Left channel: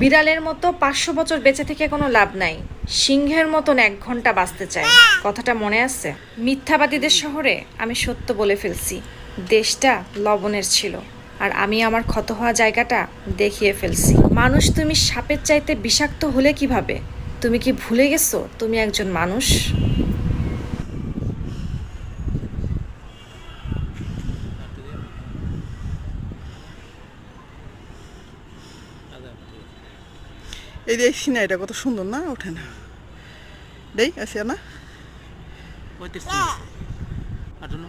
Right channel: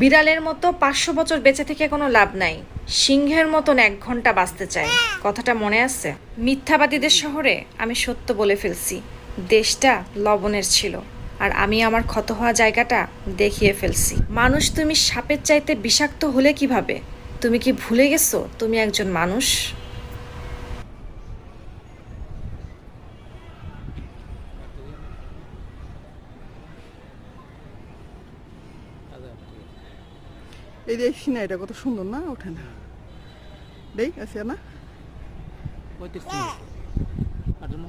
বিড়ালের মতো 500 বছর বেঁচে থেকে কোনো লাভ নাই, সিংহের মতন 1 ঘন্টা বাঁচতে চায়। কথাটা মনে আছে? মিথ্যাবাদীদের শহরে আমি সত্য বলে ফেলছি। দেশটা লবণের ছিল, আর আমি আমার ক্ষত হওয়া জায়গাটা দেখিয়ে ফেলছি। মানুষ তুমি সাপের চাইতে বিষাক্ত হলে কিভাবে? তুমি কি ভুলে গেছো তুমি একজন মানুষ? এই যে সিনাইটা কত সুন্দর না? ওঠে না দেই আসে না। কইতেছি আর জন্য